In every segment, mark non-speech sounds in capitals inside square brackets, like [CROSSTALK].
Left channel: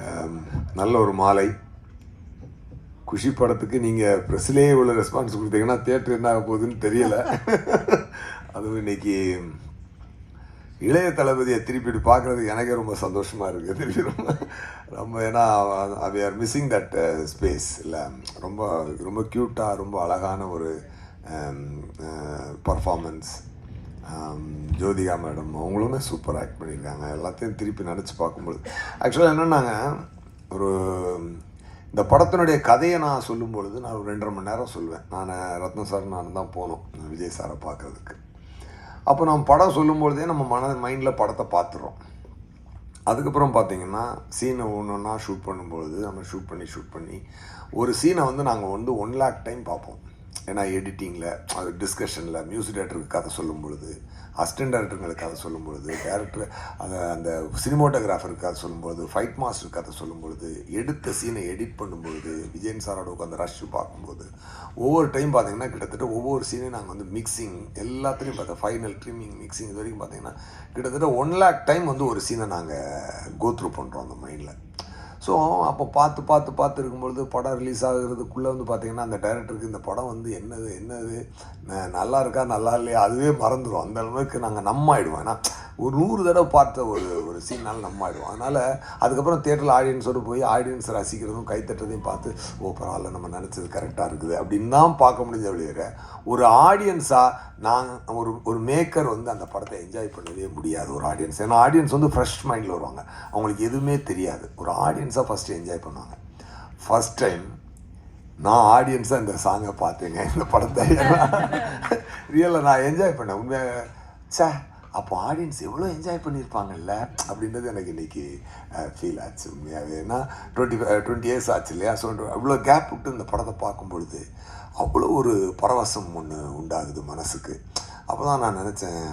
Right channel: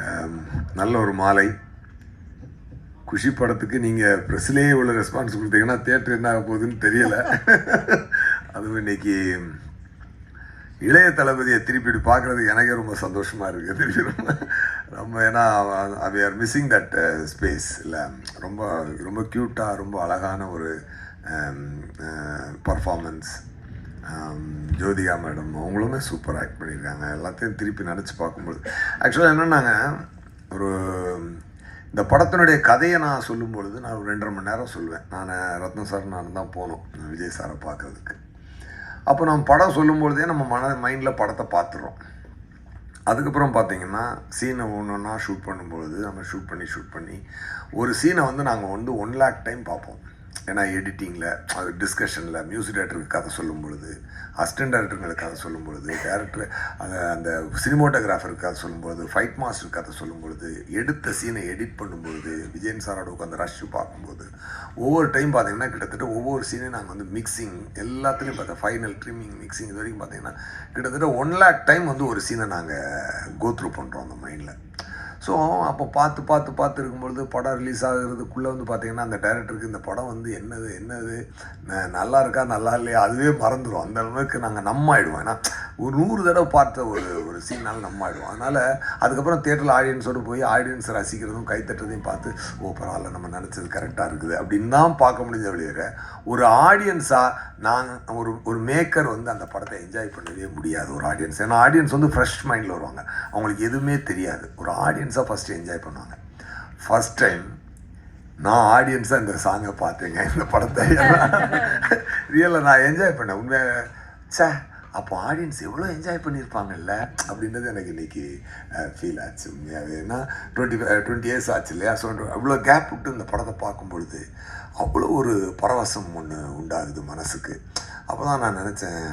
Um, நல்ல ஒரு மாலை. குஷி படத்துக்கு நீங்கள் ப்ரெஸ்லேயே இவ்வளோ ரெஸ்பான்ஸ் கொடுத்தீங்கன்னா தேட்டர் என்ன ஆக போகுதுன்னு தெரியலை. [LAUGHS] அதுவும் இன்னைக்கு இளைய தளபதியை திருப்பிட்டு பார்க்குறதுக்கு எனக்கே ரொம்ப சந்தோஷமாக இருக்குது திருப்பி ரொம்ப ரொம்ப ஏன்னா we are missing that space இல்லை ரொம்ப ரொம்ப க்யூட்டாக ரொம்ப அழகான ஒரு um, uh, performance Jyothika madam அவங்களுமே சூப்பர் ஆக்ட் பண்ணியிருக்காங்க. எல்லாத்தையும் திருப்பி நினச்சி பார்க்கும்போது ஆக்சுவலாக என்னென்னாங்க ஒரு இந்த படத்தினுடைய கதையை நான் சொல்லும் பொழுது நான் ஒரு ரெண்டரை மணி நேரம் சொல்லுவேன். நான் ரத்ன சார் நான் தான் போனோம் விஜய் சாரை பார்க்கறதுக்கு. அப்போ நம்ம படம் சொல்லும்பொழுதே நம்ம மன மைண்டில் படத்தை பார்த்துறோம். அதுக்கப்புறம் பார்த்தீங்கன்னா சீனை ஒன்று ஒன்றா ஷூட் பண்ணும்பொழுது நம்ம ஷூட் பண்ணி ஷூட் பண்ணி ஒரு சீனை வந்து நாங்கள் வந்து ஒன் லேக் டைம் பார்ப்போம். ஏன்னா எடிட்டிங்கில் அது டிஸ்கஷனில் மியூசிக் டேரக்டருக்கு கதை சொல்லும் பொழுது அசிஸ்டன்ட் டேரக்டருங்களுக்கு கதை சொல்லும் பொழுது டேரக்டர் அந்த அந்த சினிமோட்டோகிராஃபருக்கு கதை சொல்லும் பொழுது ஃபைட் மாஸ்டர் கதை சொல்லும் பொழுது எடுத்த சீனை எடிட் பண்ணும்பொழுது விஜயன் சாரோட உட்காந்து ரஷ் பார்க்கும்போது ஒவ்வொரு டைம் பார்த்தீங்கன்னா கிட்டத்தட்ட ஒவ்வொரு சீனையும் நாங்கள் வந்து மிக்சிங் எல்லாத்துலேயும் பார்த்தா ஃபைனல் ட்ரிம்மிங் மிக்சிங் இது வரைக்கும் பார்த்தீங்கன்னா கிட்டத்தட்ட ஒன் லேக் டைம் வந்து ஒரு சீனை நாங்கள் கோத்ரூ பண்ணுறோம் அந்த மைண்டில் ஸோ அப்போ பார்த்து பார்த்து பார்த்து இருக்கும்பொழுது படம் ரிலீஸ் ஆகுறதுக்குள்ளே வந்து பார்த்திங்கன்னா அந்த டைரக்டருக்கு இந்த படம் வந்து என்னது என்னது நல்லா இருக்கா நல்லா இல்லையா அதுவே மறந்துடும் அந்த அளவுக்கு நாங்கள் நம்ம ஆகிடுவோம் ஏன்னா ஒரு நூறு தடவை பார்த்த ஒரு ஒரு சீனால் நம்ம ஆயிடும் அதனால் அதுக்கப்புறம் தேட்டரில் ஆடியன்ஸோடு போய் ஆடியன்ஸ் ரசிக்கிறதும் கைத்தட்டுறதையும் பார்த்து ஓ பரவாயில்ல நம்ம நினச்சது கரெக்டாக இருக்குது. அப்படின்னு தான் பார்க்க முடிஞ்ச வெளியே ஒரு ஆடியன்ஸாக நாங்கள் ஒரு ஒரு மேக்கர் வந்து அந்த படத்தை என்ஜாய் பண்ணவே முடியாது ஒரு ஆடியன்ஸ் ஏன்னா ஆடியன்ஸ் வந்து ஃப்ரெஷ் மைண்டில் வருவாங்க. அவங்களுக்கு எதுவுமே தெரியாது. ஒரு ஆடியன்ஸாக ஃபஸ்ட்டு என்ஜாய் பண்ணுவாங்க. ஃபஸ்ட் டைம் நான் ஆடியன்ஸாக இந்த சாங்கை பார்த்தேங்க இந்த படத்தை. ரியலில் நான் என்ஜாய் பண்ணேன். உண்மையாக சே அப்போ ஆடியன்ஸ் எவ்வளோ என்ஜாய் பண்ணியிருப்பாங்கல்ல அப்படின்றது எனக்கு இன்னைக்கு ஃபீல் ஆச்சு உண்மையாகவே ஏன்னா டுவெண்ட்டி டுவெண்ட்டி இயர்ஸ் ஆச்சு இல்லையா? ஸோ அவ்வளோ கேப் விட்டு இந்த படத்தை பார்க்கும் பொழுது அவ்வளோ ஒரு பரவசம் ஒன்று உண்டாகுது மனசுக்கு. அப்போ தான் நான் நினச்சேன்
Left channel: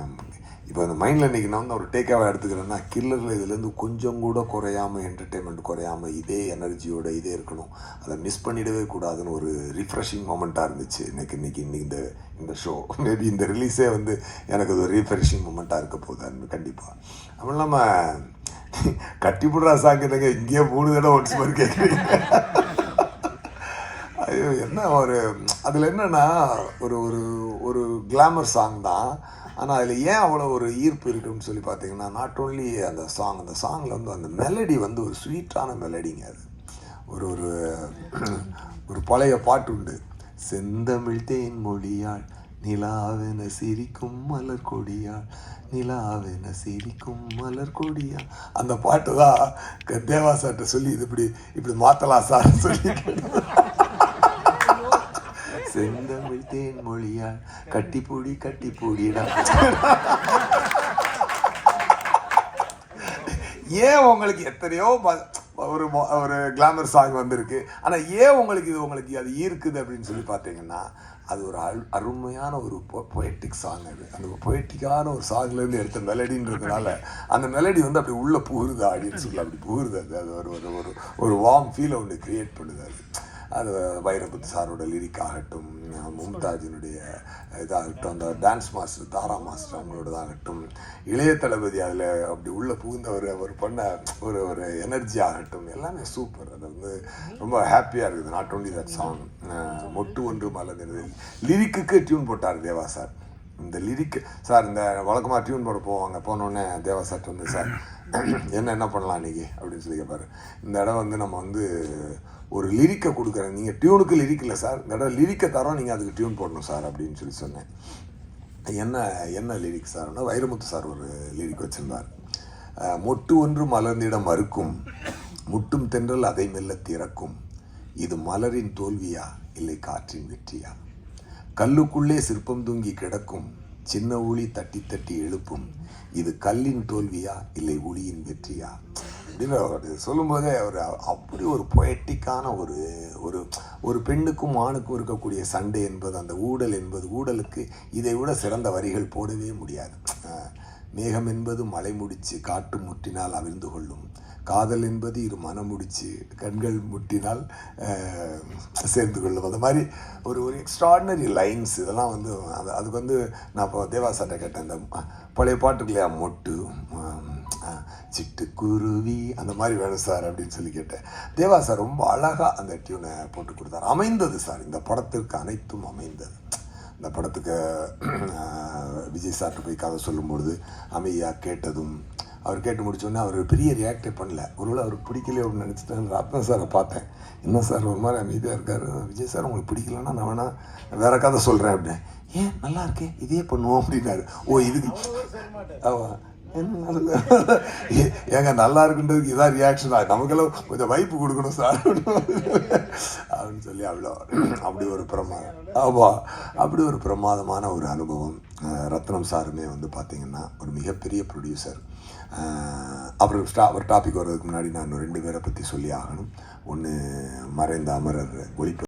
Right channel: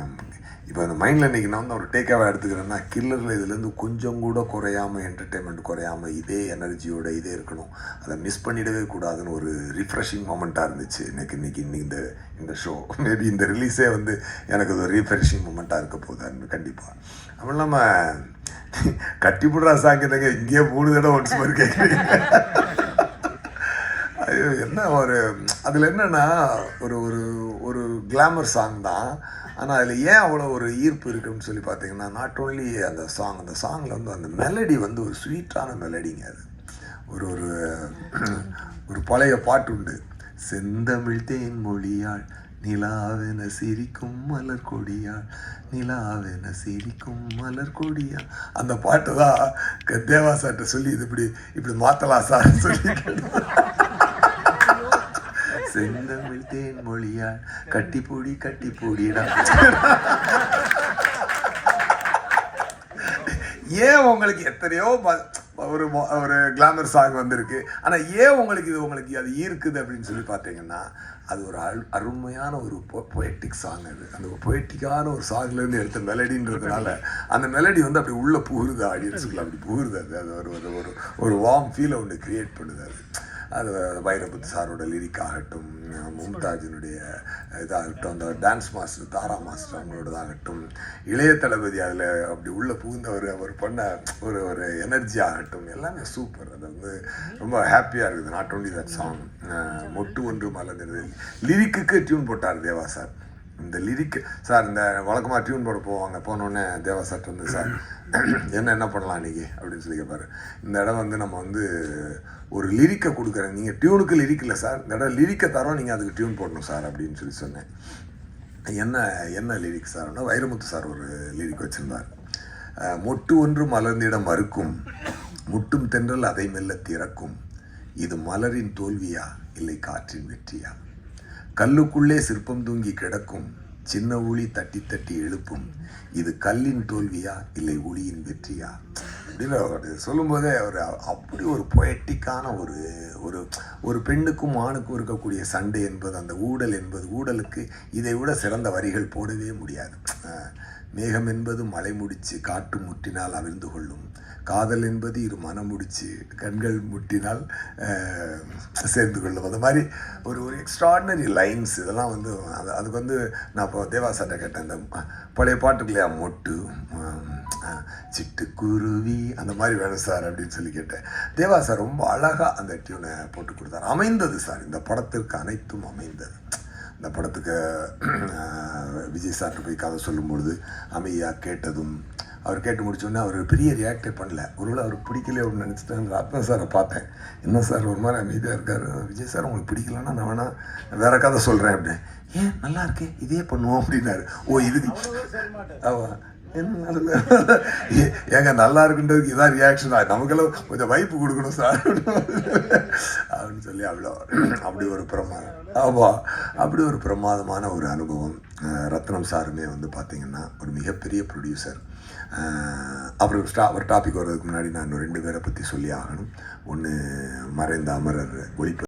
இப்போ அந்த மைண்டில் இன்றைக்கி நான் வந்து ஒரு டேக்காக எடுத்துக்கிறேன்னா கில்லரில் இதுலேருந்து கொஞ்சம் கூட குறையாமல் என்டர்டெயின்மெண்ட் குறையாமல் இதே எனர்ஜியோட இதே இருக்கணும். அதை மிஸ் பண்ணிடவே கூடாதுன்னு ஒரு ரிஃப்ரெஷிங் மூமெண்ட்டாக இருந்துச்சு. எனக்கு இன்றைக்கி இன்னைக்கு இந்த இந்த ஷோ மேபி இந்த ரிலீஸே வந்து எனக்கு ஒரு ரீஃப்ரெஷிங் மூமெண்ட்டாக இருக்க போகுது. கண்டிப்பாக அப்படி இல்லாமல் கட்டிப்புடுறா சாங்கிட்டங்க இங்கேயே மூணு தடவை ஒன்ஸ் மாதிரி கேட்குறீங்க என்ன ஒரு அதில் என்னென்னா ஒரு ஒரு ஒரு கிளாமர் சாங் தான். ஆனால் அதில் ஏன் அவ்வளோ ஒரு ஈர்ப்பு இருக்குன்னு சொல்லி பார்த்தீங்கன்னா நாட் ஓன்லி அந்த சாங் அந்த சாங்கில் வந்து அந்த மெலடி வந்து ஒரு ஸ்வீட்டான மெலடிங்க அது. ஒரு ஒரு ஒரு பழைய பாட்டு உண்டு. செந்தமிழ் தேன் மொழியாள் நிலாவென சிரிக்கும் மலர் கொடியாள் நிலாவென சிரிக்கும் மலர் கொடியா அந்த பாட்டு தான் க- தேவா சார்கிட்ட சொல்லி இது இப்படி இப்படி மாற்றலாம் சார்னு சொல்லி செந்தமிழ் தேன் மொழியாள் கட்டிப்பூடி கட்டிப்பொடிடா. ஏன் உங்களுக்கு எத்தனையோ ம- ஒரு ஒரு கிளாமர் சாங் வந்திருக்கு. ஆனால் ஏன் உங்களுக்கு இது உங்களுக்கு அது ஈர்க்குது அப்படின்னு சொல்லி பார்த்தீங்கன்னா அது ஒரு அரு அருமையான ஒரு பொயட்டிக் சாங் அது. அந்த பொயட்டிக்கான ஒரு சாங்லேருந்து எடுத்த மெலடின்றதுனால அந்த மெலடி வந்து அப்படி உள்ளே புகுருது ஆடியன்ஸுக்குள்ள அப்படி புகுருது. அது அது ஒரு ஒரு ஒரு வார்ம் ஃபீலை ஒன்று கிரியேட் பண்ணுது அது. அது வைரபுத் சாரோட லிரிக் ஆகட்டும் மும்தாஜினுடைய இதாகட்டும் அந்த டான்ஸ் மாஸ்டர் தாரா மாஸ்டர் அவங்களோடதாகட்டும் இளைய தளபதி அதில் அப்படி உள்ளே புகுந்தவர் அவர் பண்ண ஒரு ஒரு எனர்ஜி ஆகட்டும் எல்லாமே சூப்பர் அது வந்து ரொம்ப ஹாப்பியாக இருக்குது. நாட் ஓன்லி தட் சாங் மொட்டு ஒன்று மலர்ந்தது லிரிக்குக்கு டியூன் போட்டார் தேவா சார். இந்த லிரிக் சார் இந்த வழக்கமாக டியூன் போட போவாங்க. போனோடனே தேவா சார் வந்து சார் என்ன என்ன பண்ணலாம் இன்றைக்கி அப்படின்னு சொல்லி கேட்பாரு இந்த இடம் வந்து நம்ம வந்து ஒரு லிரிக்கை கொடுக்குறேன். நீங்கள் டியூனுக்கு லிரிக் இல்லை சார். இந்த இடம் லிரிக்கை தரோம் நீங்கள் அதுக்கு டியூன் போடணும் சார் அப்படின்னு சொல்லி சொன்னேன். என்ன என்ன லிரிக் சார்னா வைரமுத்து சார் ஒரு லிரிக் வச்சுருந்தார். மொட்டு ஒன்று மலர்ந்திடம் மறுக்கும் முட்டும் தென்றல் அதை மெல்ல திறக்கும். இது மலரின் தோல்வியா இல்லை காற்றின் வெற்றியா? கல்லுக்குள்ளே சிற்பம் தூங்கி கிடக்கும். சின்ன ஒளி தட்டி தட்டி எழுப்பும். இது கல்லின் தோல்வியா? இல்லை ஒளியின் வெற்றியா? அப்படின்னு அவர் சொல்லும்போதே அவர் அப்படி ஒரு பொயட்டிக்கான ஒரு ஒரு ஒரு பெண்ணுக்கும் ஆணுக்கும் இருக்கக்கூடிய சண்டை என்பது அந்த ஊடல் என்பது ஊடலுக்கு இதை விட சிறந்த வரிகள் போடவே முடியாது. மேகம் என்பது மலை முடிச்சு காட்டு முற்றினால் அவிழ்ந்து கொள்ளும். காதல் என்பது இரு மனம் முடிச்சு கண்கள் முட்டினால் சேர்ந்து கொள்ளும். அந்த மாதிரி ஒரு ஒரு எக்ஸ்ட்ராடினரி லைன்ஸ் இதெல்லாம் வந்து அது அதுக்கு வந்து நான் இப்போ தேவாசாட்ட கேட்டேன். இந்த பழைய பாட்டுக்கு இல்லையா மொட்டு சிட்டுக்குருவி அந்த மாதிரி வேணும் சார் அப்படின்னு சொல்லி கேட்டேன். தேவா சார் ரொம்ப அழகாக அந்த டியூனை போட்டு கொடுத்தாரு. அமைந்தது சார். இந்த படத்திற்கு அனைத்தும் அமைந்தது. இந்த படத்துக்கு விஜய் சார்கிட்ட போய் கதை சொல்லும்பொழுது அமைதியாக கேட்டதும் அவர் கேட்டு முடிச்சோடனே அவர் பெரிய ரியாக்டே பண்ணல. ஒருவேளை அவருக்கு பிடிக்கல அப்படின்னு நினச்சிட்டேன் ரத்ன சாரை பார்த்தேன். என்ன சார் ஒரு மாதிரி அமைதியாக இருக்கார். விஜய் சார் உங்களுக்கு பிடிக்கலன்னா நான் வேணா வேற கதை சொல்கிறேன் அப்படின்னு. ஏன்? நல்லா இருக்கே. இதே பண்ணுவோம் அப்படின்னாரு. ஓ இதுக்கு என்ன ஏ- ஏங்க நல்லா இருக்குன்றதுக்கு இதான் ரியாக்ஷன் நமக்கெல்லாம் கொஞ்சம் வைப்பு கொடுக்கணும் சார் அப்படின்னு சொல்லி அவ்வளோ அப்படி ஒரு பிரமாதம் ஆமாம் அப்படி ஒரு பிரமாதமான ஒரு அனுபவம் ரத்னம் சாருமே வந்து பார்த்திங்கன்னா ஒரு மிகப்பெரிய ப்ரொடியூசர் அப்புறம் ஸ்டா ஒரு டாபிக் வர்றதுக்கு முன்னாடி நான் இன்னும் ரெண்டு பேரை பற்றி சொல்லி ஆகணும். ஒன்று மறைந்த அமரர் ஒளிப்ப